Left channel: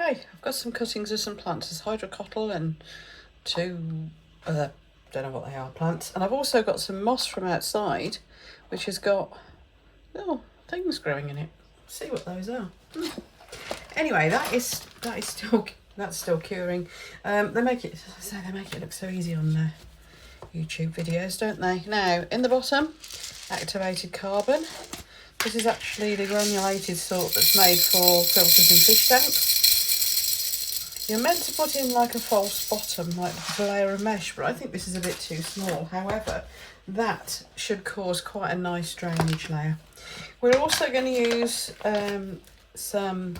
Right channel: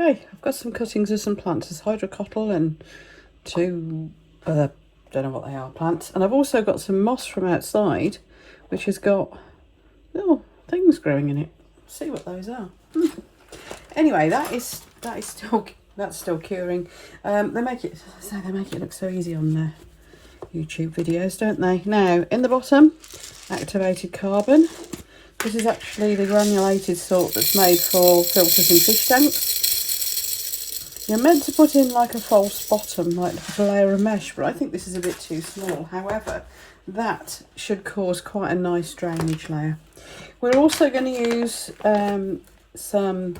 Okay, I've got some cuttings of some plants. There's hydrocotyle and two other, don't know what they are, plants. And I've also got some moss from outside, which has got little things growing in it. Let's see what those are. Anyway, that's still curing. They make it look so easy on their YouTube videos, don't they? Now, in the bottom, activated carbon. This is actually the granulated salt that's made for filters and fish tanks. You're meant to put in like a false bottom, like a layer of mesh, but I think this is a bit too small. However, that should cause quite a nice drainage layer. We're also going to use some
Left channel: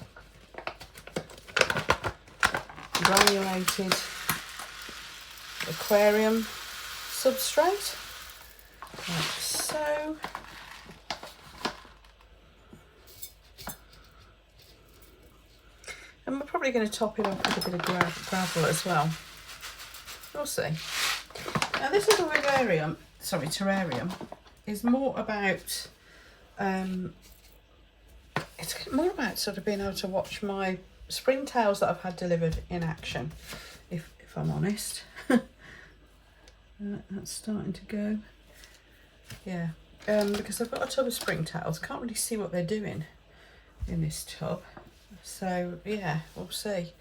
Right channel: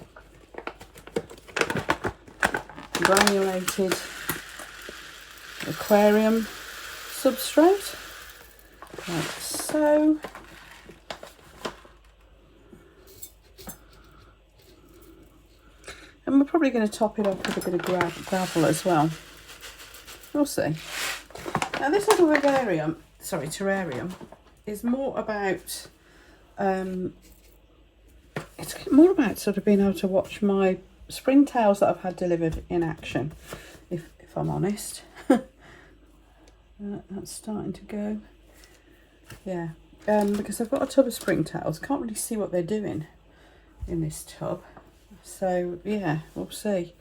granulated aquarium substrate, like so. And we're probably going to top it off with a bit of gravel as well. We'll see. Now this little terrarium is more about it's more about sort of being able to watch my springtails that I've had delivered in action, if I'm honest. That's starting to go. Yeah, because I've got a tub of springtails. Can't really see what they're doing in this tub. So yeah, we'll see.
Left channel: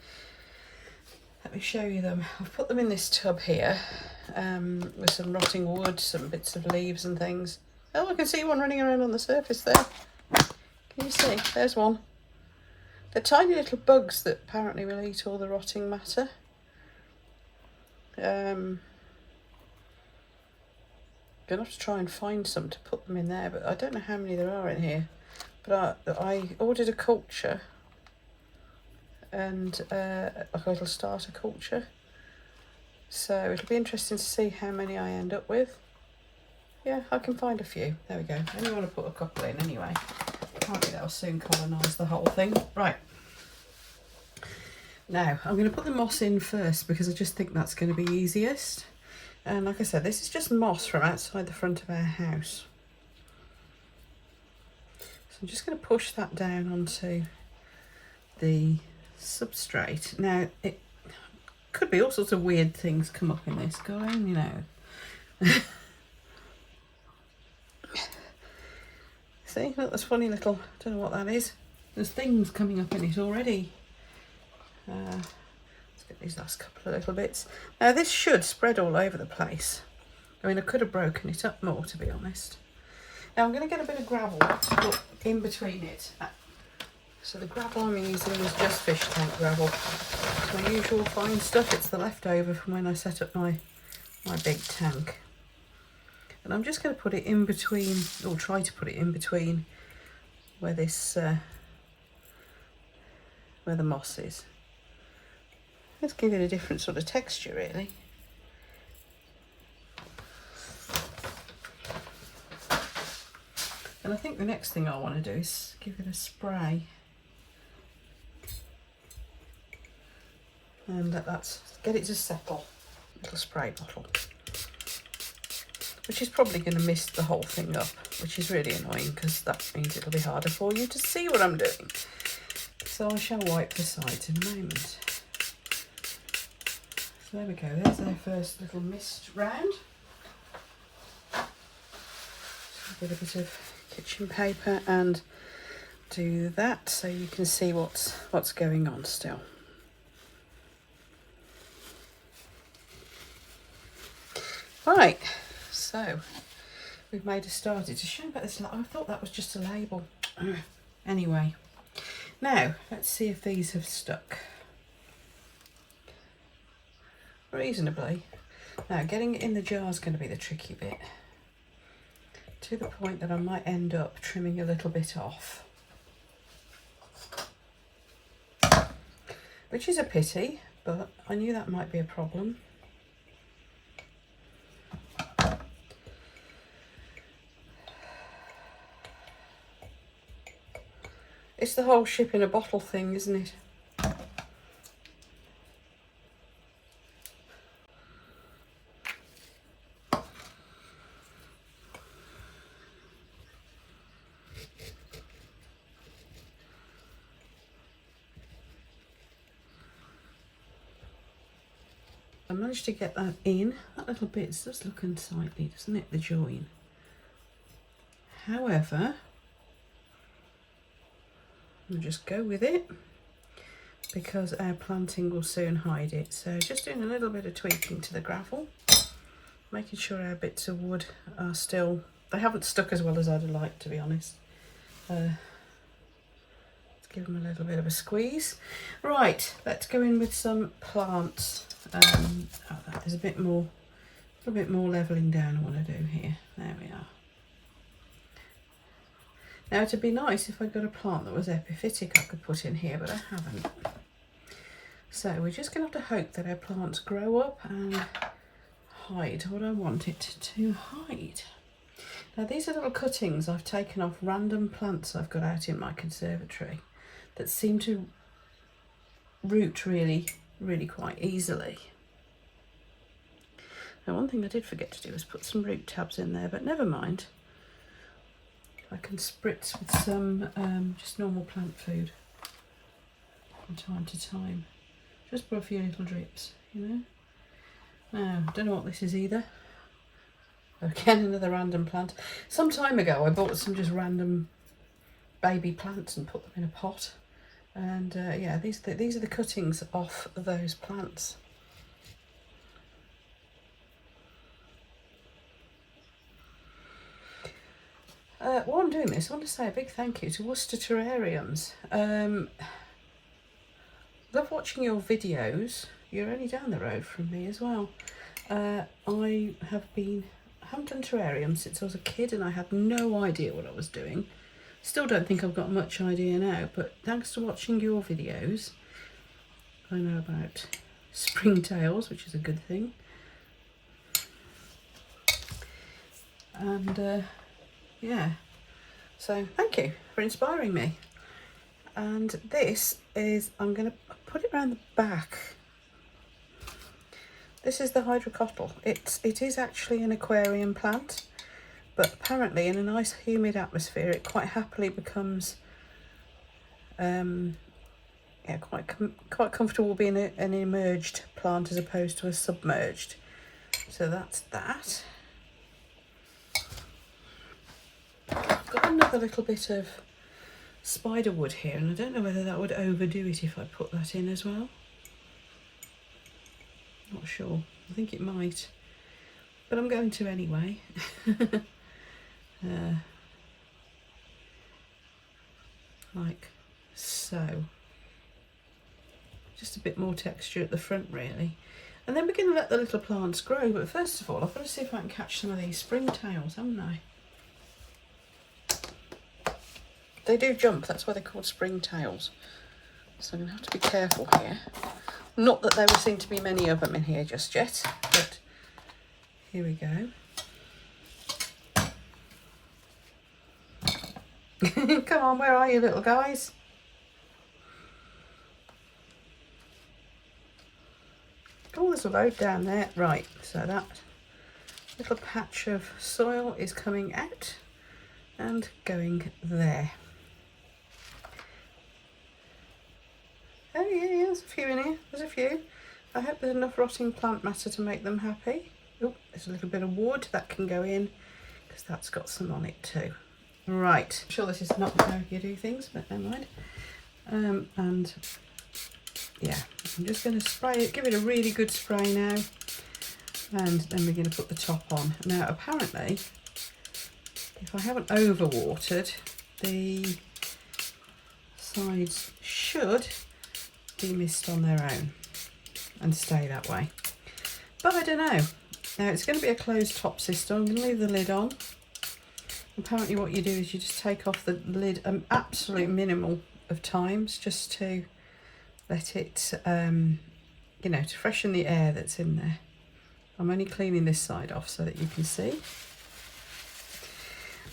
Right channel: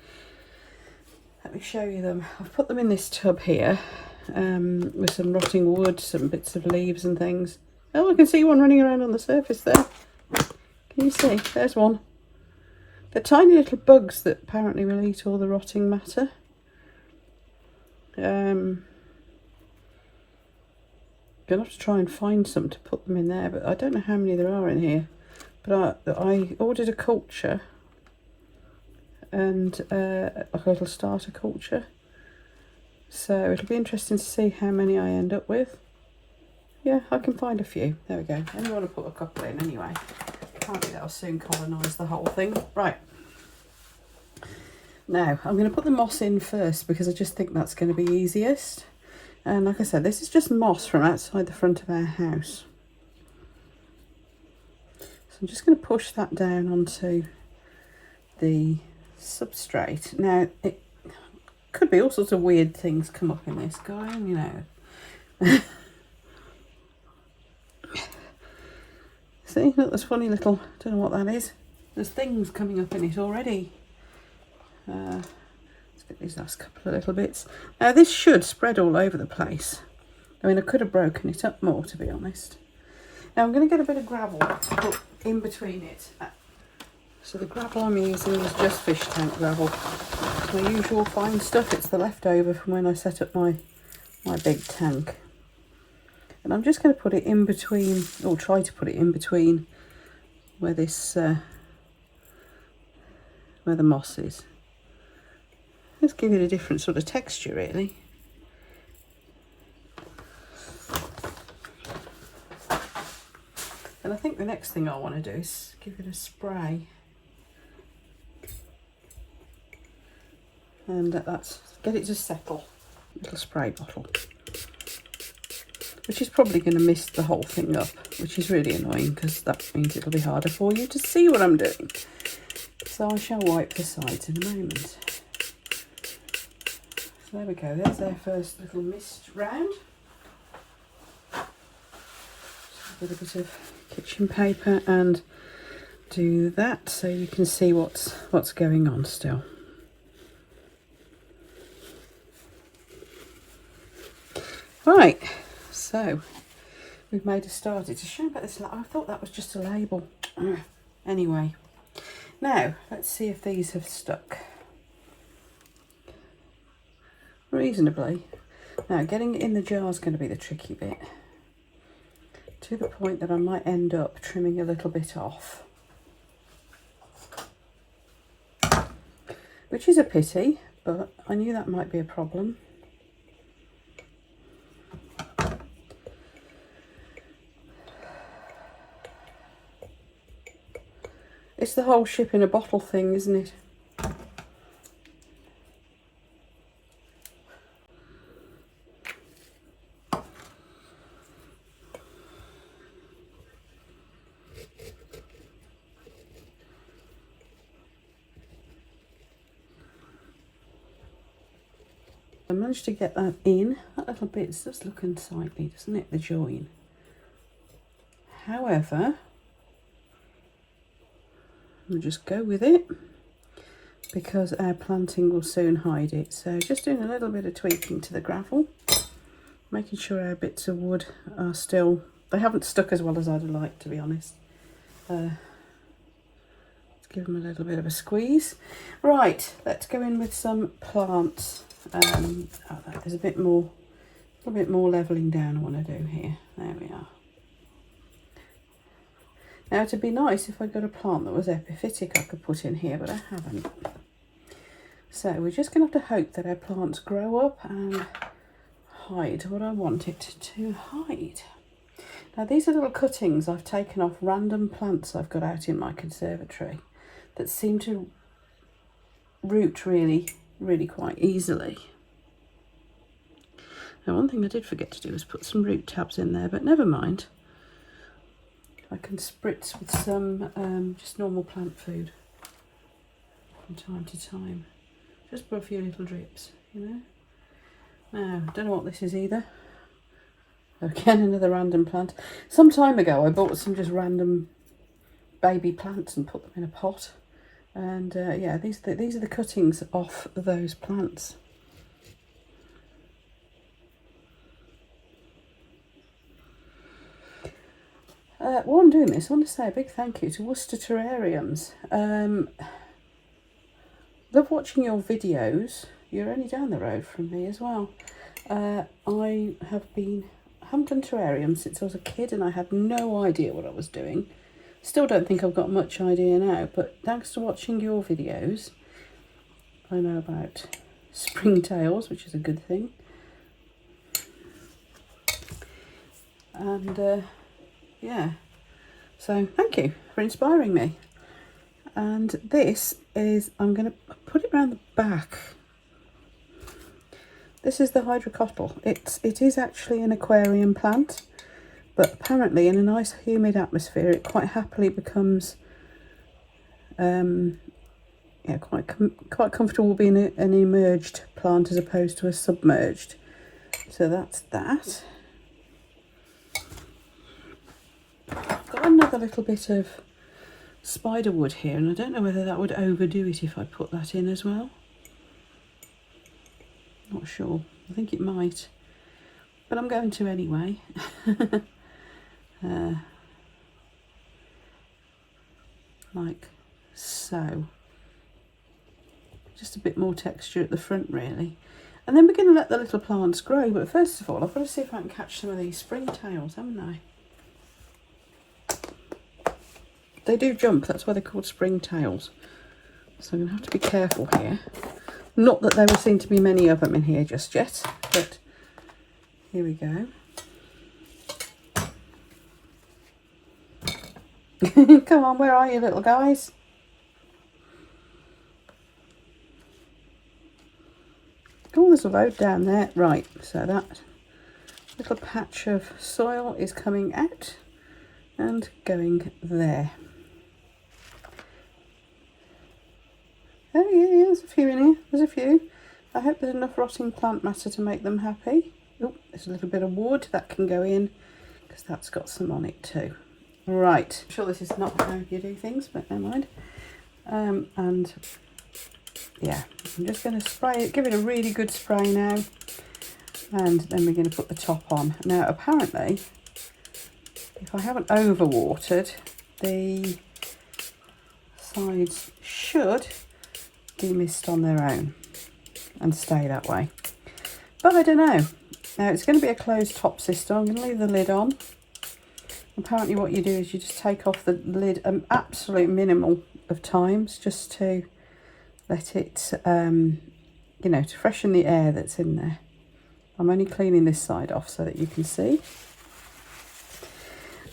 Let me show you them. I've put them in this tub here with some rotting wood, some bits of leaves and things. Oh, I can see one running around on the surface there. Can you see? There's one. They're tiny little bugs that apparently will eat all the rotting matter. Gonna have to try and find some to put them in there, but I don't know how many there are in here. But I ordered a culture and like a little starter culture, so it'll be interesting to see how many I end up with. Yeah, I can find a few. There we go. I only want to put a couple in anyway. Maybe that'll soon colonise the whole thing. Right, now I'm going to put the moss in first because I just think that's going to be easiest. And like I said, this is just moss from outside the front of our house. So I'm just going to push that down onto the substrate. Now, it could be all sorts of weird things come up in this, going, you know. See, look, there's funny little, don't know what that is. There's things coming up in it already. Let's get these last couple of little bits. Now this should spread all over the place. I mean, I could have broken it up more, to be honest. Now I'm going to get a bit of gravel to put in between it. So the gravel I'm using is just fish tank gravel. It's my usual fine stuff. It's the leftover from when I set up my big tank. And I'm just going to put it in between, or try to put it in between where this, where the moss is. Let's give it a different sort of texture, really. And I think the next thing I want to do is give it a spray. And that's, get it to settle. Little spray bottle. Which is probably going to mist the whole thing up, which is really annoying because that means it'll be harder for you to see what I'm doing. So I shall wipe the sides in a moment. So there we go, there's our first little mist round. With a bit of kitchen paper and do that so you can see what's going on still. Right, so we've made a start. It's a shame about this. I thought that was just a label. Anyway, now let's see if these have stuck reasonably. Now getting it in the jar is going to be the tricky bit, to the point that I might end up trimming a little bit off, which is a pity, but I knew that might be a problem. It's the whole ship in a bottle thing, isn't it? I managed to get that in. That little bit's just looking slightly, doesn't it, the join? However, we'll just go with it because our planting will soon hide it. So just doing a little bit of tweaking to the gravel, making sure our bits of wood are still, they haven't stuck as well as I'd like, to be honest. Let's give them a little bit of a squeeze. Right, let's go in with some plants. There's a bit more levelling down I want to do here. There we are. Now it'd be nice if I got a plant that was epiphytic I could put in here, but I haven't. So we're just going to have to hope that our plants grow up and hide what I want it to hide. Now these are little cuttings I've taken off random plants I've got out in my conservatory that seem to root really quite easily. Now one thing I did forget to do was put some root tabs in there, but never mind. I can spritz with some just normal plant food from time to time, just for a few little drips, you know. Now, I don't know what this is either. Again, another random plant. Some time ago I bought some just random baby plants and put them in a pot, and yeah, these are the cuttings off those plants. While I'm doing this, I want to say a big thank you to Worcester Terrariums. Love watching your videos. You're only down the road from me as well. I haven't done terrariums since I was a kid, and I had no idea what I was doing. Still don't think I've got much idea now, but thanks to watching your videos, I know about springtails, which is a good thing. And yeah, so thank you for inspiring me. And this is, I'm going to put it around the back. This is the hydrocotyle. It is actually an aquarium plant, but apparently in a nice humid atmosphere it quite happily becomes yeah, quite comfortable being an emerged plant as opposed to a submerged. So that's that. I've got another little bit of spider wood here, and I don't know whether that would overdo it if I put that in as well. Not sure. I think it might, but I'm going to anyway. Like so. Just a bit more texture at the front really. And then we're going to let the little plants grow, but first of all I've got to see if I can catch some of these springtails, haven't I? They do jump, that's why they're called springtails. So I'm going to have to be careful here. Not that there seem to be many of them in here just yet, but here we go. Come on, where are you little guys? Oh, there's a load down there. Right, so that little patch of soil is coming out and going there. Oh yeah, there's a few in here, there's a few. I hope there's enough rotting plant matter to make them happy. Oh, there's a little bit of wood that can go in because that's got some on it too. Right, I'm sure this is not how you do things, but never mind. And yeah, I'm just going to spray it, give it a really good spray now, and then we're going to put the top on. Now apparently, if I haven't overwatered, the sides should demist on their own and stay that way, but I don't know. Now it's going to be a closed top system. I'm going to leave the lid on. Apparently what you do is you just take off the lid an absolute minimal of times just to let it you know, to freshen the air that's in there. I'm only cleaning this side off so that you can see,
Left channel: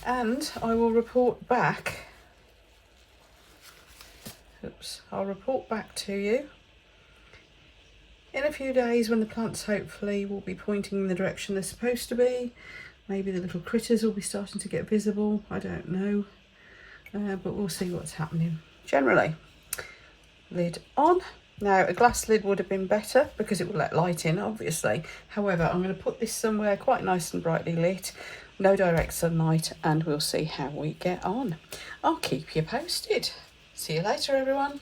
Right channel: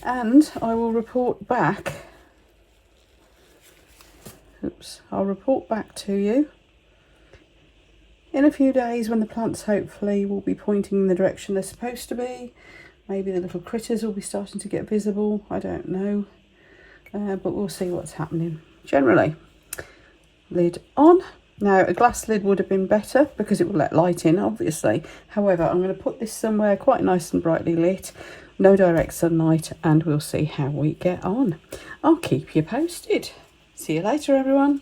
and I will report back. Oops, I'll report back to you in a few days when the plants hopefully will be pointing in the direction they're supposed to be. Maybe the little critters will be starting to get visible, I don't know, but we'll see what's happening. Generally, lid on, Now a glass lid would have been better because it will let light in, obviously. However, I'm going to put this somewhere quite nice and brightly lit, no direct sunlight, and we'll see how we get on. I'll keep you posted. See you later, everyone.